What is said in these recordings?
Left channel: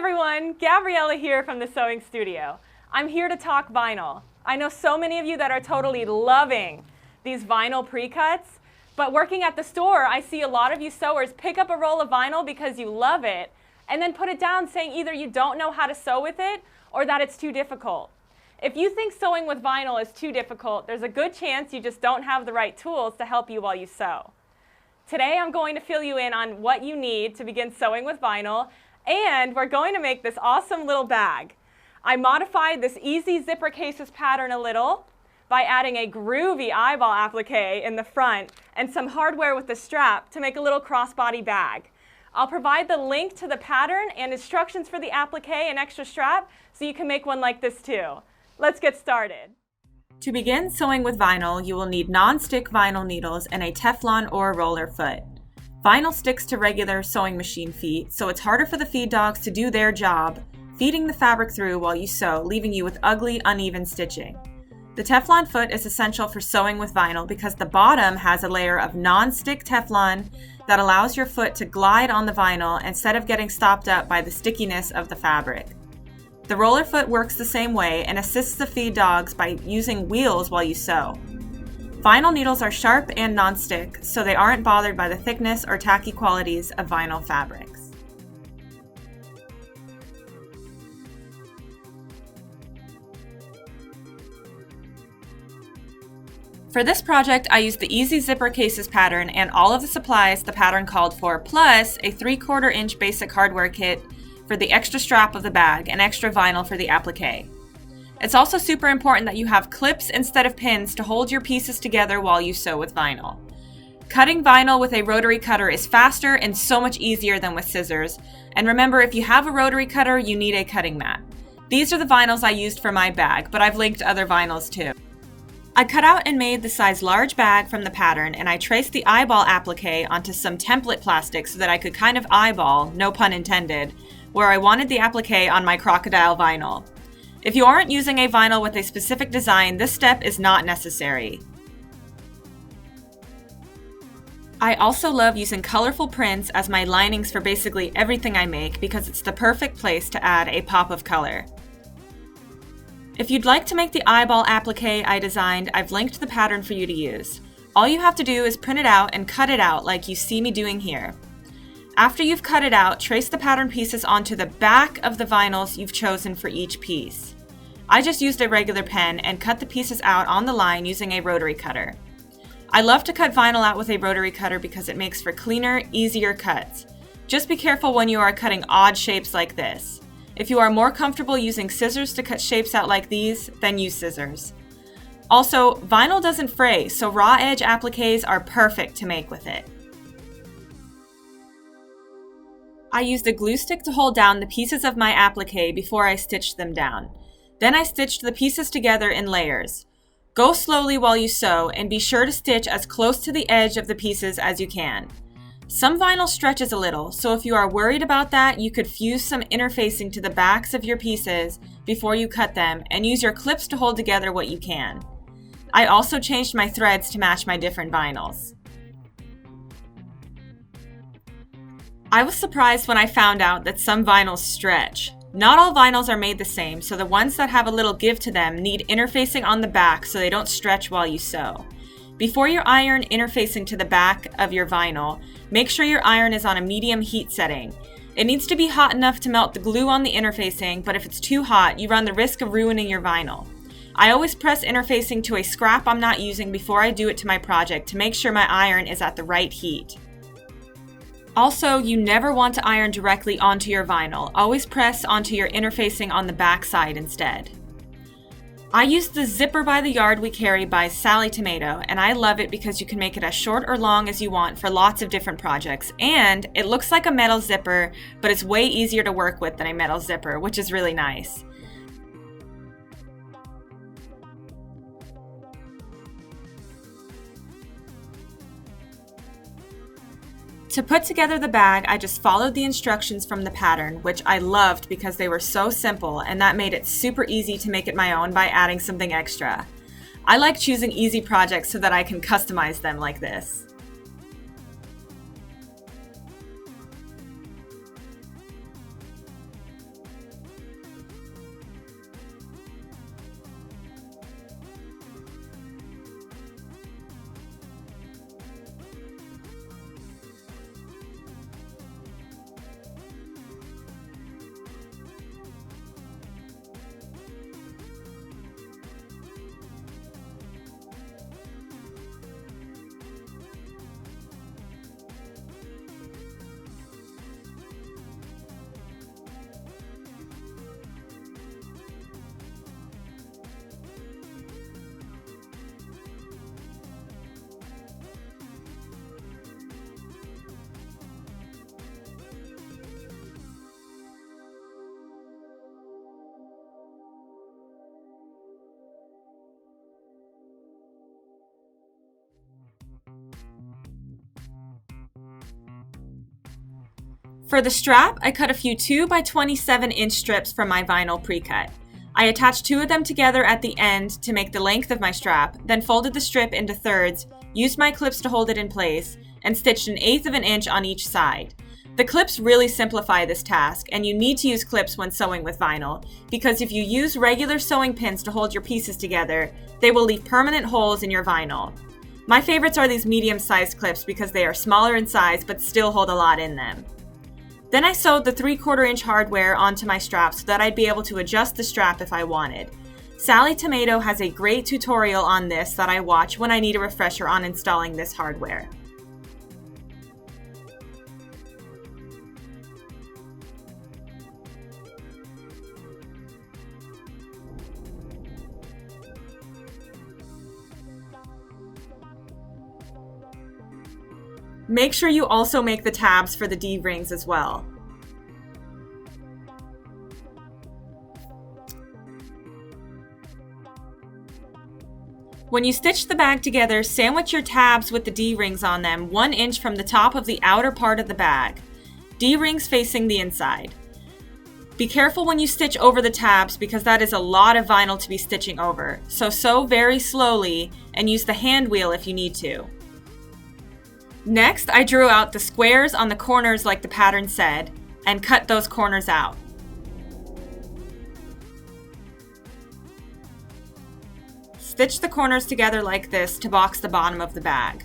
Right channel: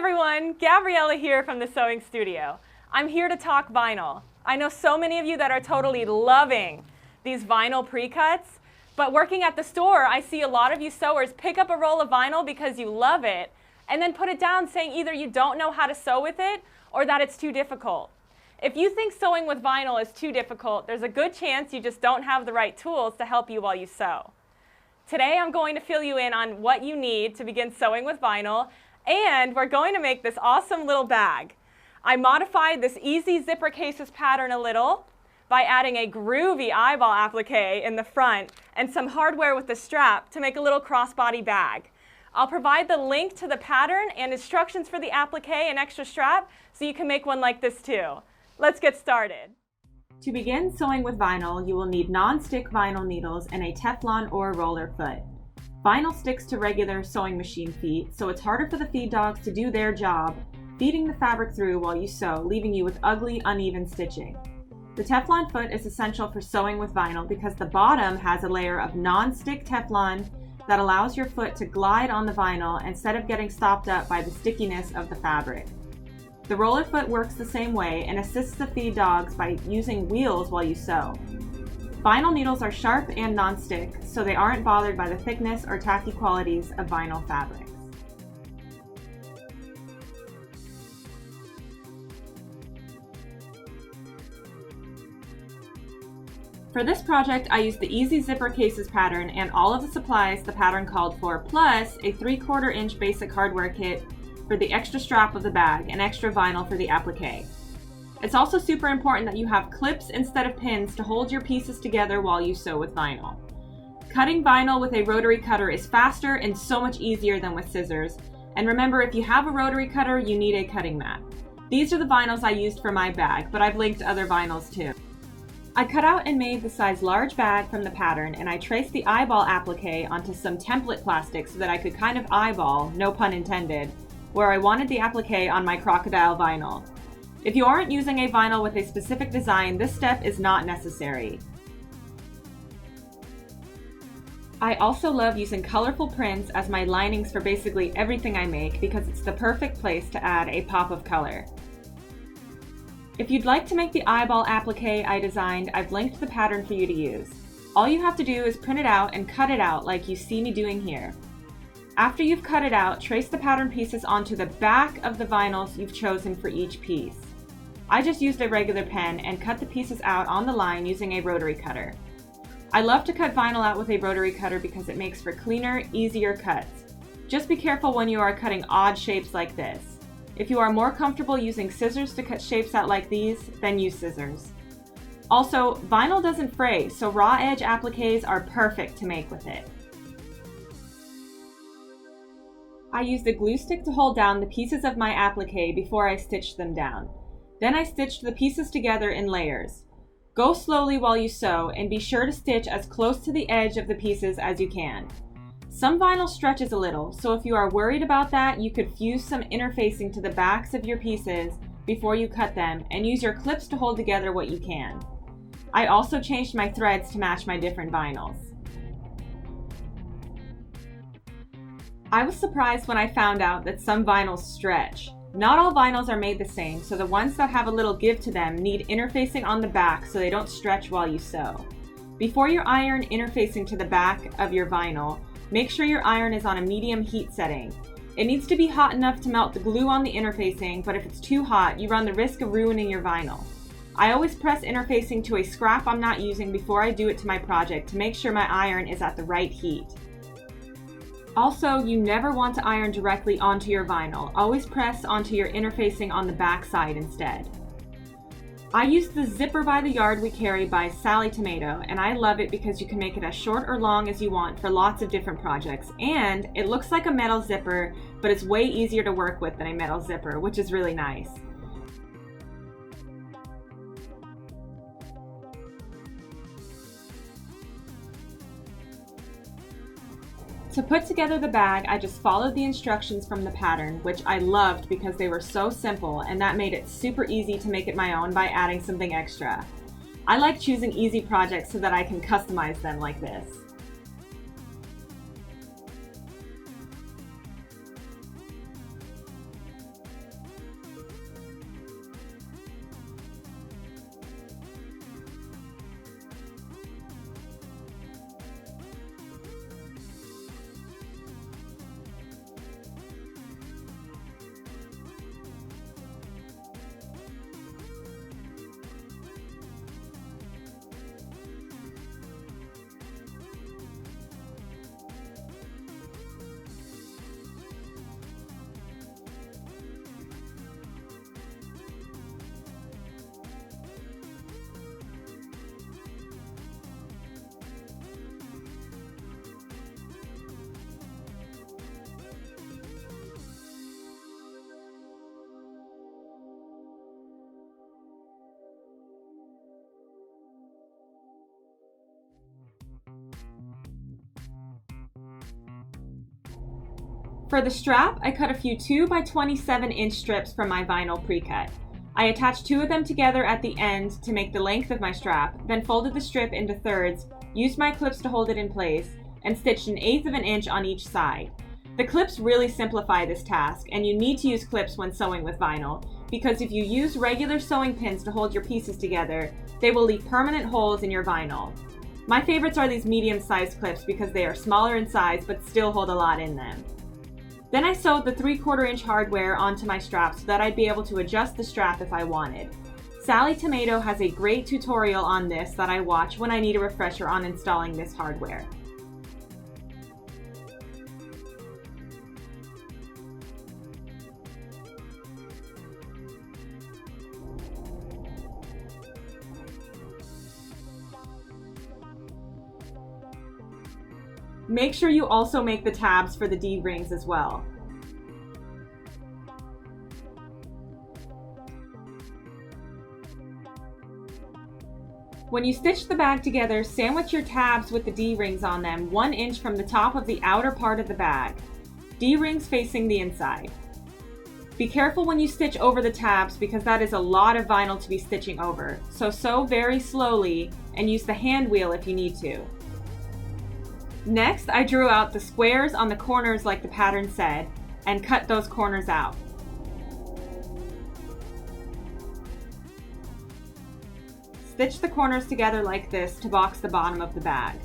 everyone, Gabriela here from the Sewing Studio. I'm here to talk vinyl. I know so many of you that are totally loving these vinyl pre-cuts, but working at the store, I see a lot of you sewers pick up a roll of vinyl because you love it and then put it down saying either you don't know how to sew with it or that it's too difficult. If you think sewing with vinyl is too difficult, there's a good chance you just don't have the right tools to help you while you sew. Today I'm going to fill you in on what you need to begin sewing with vinyl, and we're going to make this awesome little bag. I modified this easy zipper cases pattern a little by adding a groovy eyeball applique in the front and some hardware with the strap to make a little crossbody bag. I'll provide the link to the pattern and instructions for the applique and extra strap so you can make one like this too. Let's get started. To begin sewing with vinyl, you will need non-stick vinyl needles and a Teflon or roller foot. Vinyl sticks to regular sewing machine feet, so it's harder for the feed dogs to do their job, feeding the fabric through while you sew, leaving you with ugly, uneven stitching. The Teflon foot is essential for sewing with vinyl because the bottom has a layer of non-stick Teflon that allows your foot to glide on the vinyl instead of getting stopped up by the stickiness of the fabric. The roller foot works the same way and assists the feed dogs by using wheels while you sew. Vinyl needles are sharp and non-stick, so they aren't bothered by the thickness or tacky qualities of vinyl fabrics. For this project, I used the easy zipper cases pattern and all of the supplies the pattern called for, plus a 3/4 inch basic hardware kit for the extra strap of the bag and extra vinyl for the applique. It's also super important that you have clips instead of pins to hold your pieces together while you sew with vinyl. Cutting vinyl with a rotary cutter is faster and so much easier than with scissors. And remember, if you have a rotary cutter, you need a cutting mat. These are the vinyls I used for my bag, but I've linked other vinyls too. I cut out and made the size large bag from the pattern, and I traced the eyeball applique onto some template plastic so that I could kind of eyeball, no pun intended, where I wanted the applique on my crocodile vinyl. If you aren't using a vinyl with a specific design, this step is not necessary. I also love using colorful prints as my linings for basically everything I make because it's the perfect place to add a pop of color. If you'd like to make the eyeball applique I designed, I've linked the pattern for you to use. All you have to do is print it out and cut it out like you see me doing here. After you've cut it out, trace the pattern pieces onto the back of the vinyls you've chosen for each piece. I just used a regular pen and cut the pieces out on the line using a rotary cutter. I love to cut vinyl out with a rotary cutter because it makes for cleaner, easier cuts. Just be careful when you are cutting odd shapes like this. If you are more comfortable using scissors to cut shapes out like these, then use scissors. Also, vinyl doesn't fray, so raw edge appliques are perfect to make with it. I used a glue stick to hold down the pieces of my applique before I stitched them down. Then I stitched the pieces together in layers. Go slowly while you sew and be sure to stitch as close to the edge of the pieces as you can. Some vinyl stretches a little, so if you are worried about that, you could fuse some interfacing to the backs of your pieces before you cut them and use your clips to hold together what you can. I also changed my threads to match my different vinyls. I was surprised when I found out that some vinyls stretch. Not all vinyls are made the same, so the ones that have a little give to them need interfacing on the back so they don't stretch while you sew. Before you iron interfacing to the back of your vinyl, make sure your iron is on a medium heat setting. It needs to be hot enough to melt the glue on the interfacing, but if it's too hot, you run the risk of ruining your vinyl. I always press interfacing to a scrap I'm not using before I do it to my project to make sure my iron is at the right heat. Also, you never want to iron directly onto your vinyl. Always press onto your interfacing on the back side instead. I used the Zipper by the Yard We Carry by Sally Tomato, and I love it because you can make it as short or long as you want for lots of different projects. And it looks like a metal zipper, but it's way easier to work with than a metal zipper, which is really nice. To put together the bag, I just followed the instructions from the pattern, which I loved because they were so simple, and that made it super easy to make it my own by adding something extra. I like choosing easy projects so that I can customize them like this. For the strap, I cut a few 2 by 27 inch strips from my vinyl pre-cut. I attached 2 of them together at the end to make the length of my strap, then folded the strip into thirds, used my clips to hold it in place, and stitched 1/8 of an inch on each side. The clips really simplify this task, and you need to use clips when sewing with vinyl, because if you use regular sewing pins to hold your pieces together, they will leave permanent holes in your vinyl. My favorites are these medium-sized clips because they are smaller in size but still hold a lot in them. Then I sewed the 3/4 inch hardware onto my strap so that I'd be able to adjust the strap if I wanted. Sally Tomato has a great tutorial on this that I watch when I need a refresher on installing this hardware. Make sure you also make the tabs for the D-rings as well. When you stitch the bag together, sandwich your tabs with the D-rings on them 1 inch from the top of the outer part of the bag. D-rings facing the inside. Be careful when you stitch over the tabs because that is a lot of vinyl to be stitching over, so sew very slowly and use the hand wheel if you need to. Next, I drew out the squares on the corners like the pattern said, and cut those corners out. Stitch the corners together like this to box the bottom of the bag.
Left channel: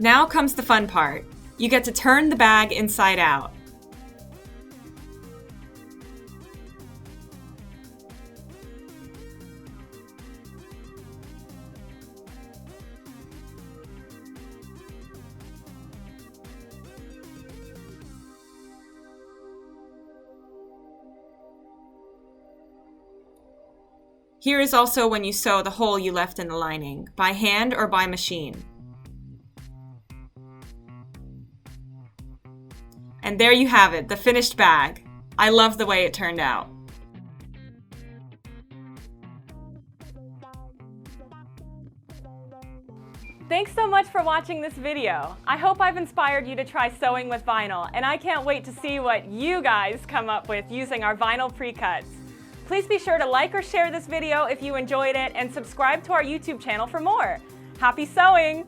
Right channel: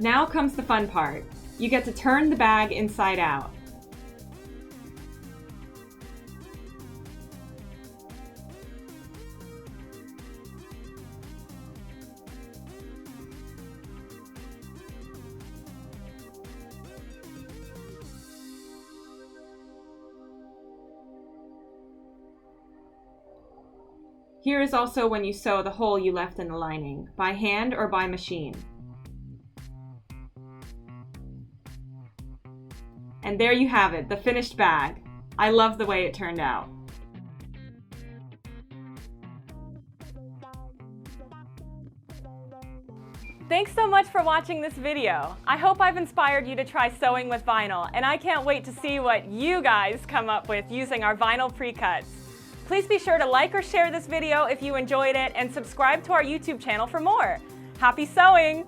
Now comes the fun part. You get to turn the bag inside out. Here is also when you sew the hole you left in the lining, by hand or by machine. And there you have it, the finished bag. I love the way it turned out. Thanks so much for watching this video. I hope I've inspired you to try sewing with vinyl, and I can't wait to see what you guys come up with using our vinyl pre-cuts. Please be sure to like or share this video if you enjoyed it, and subscribe to our YouTube channel for more. Happy sewing!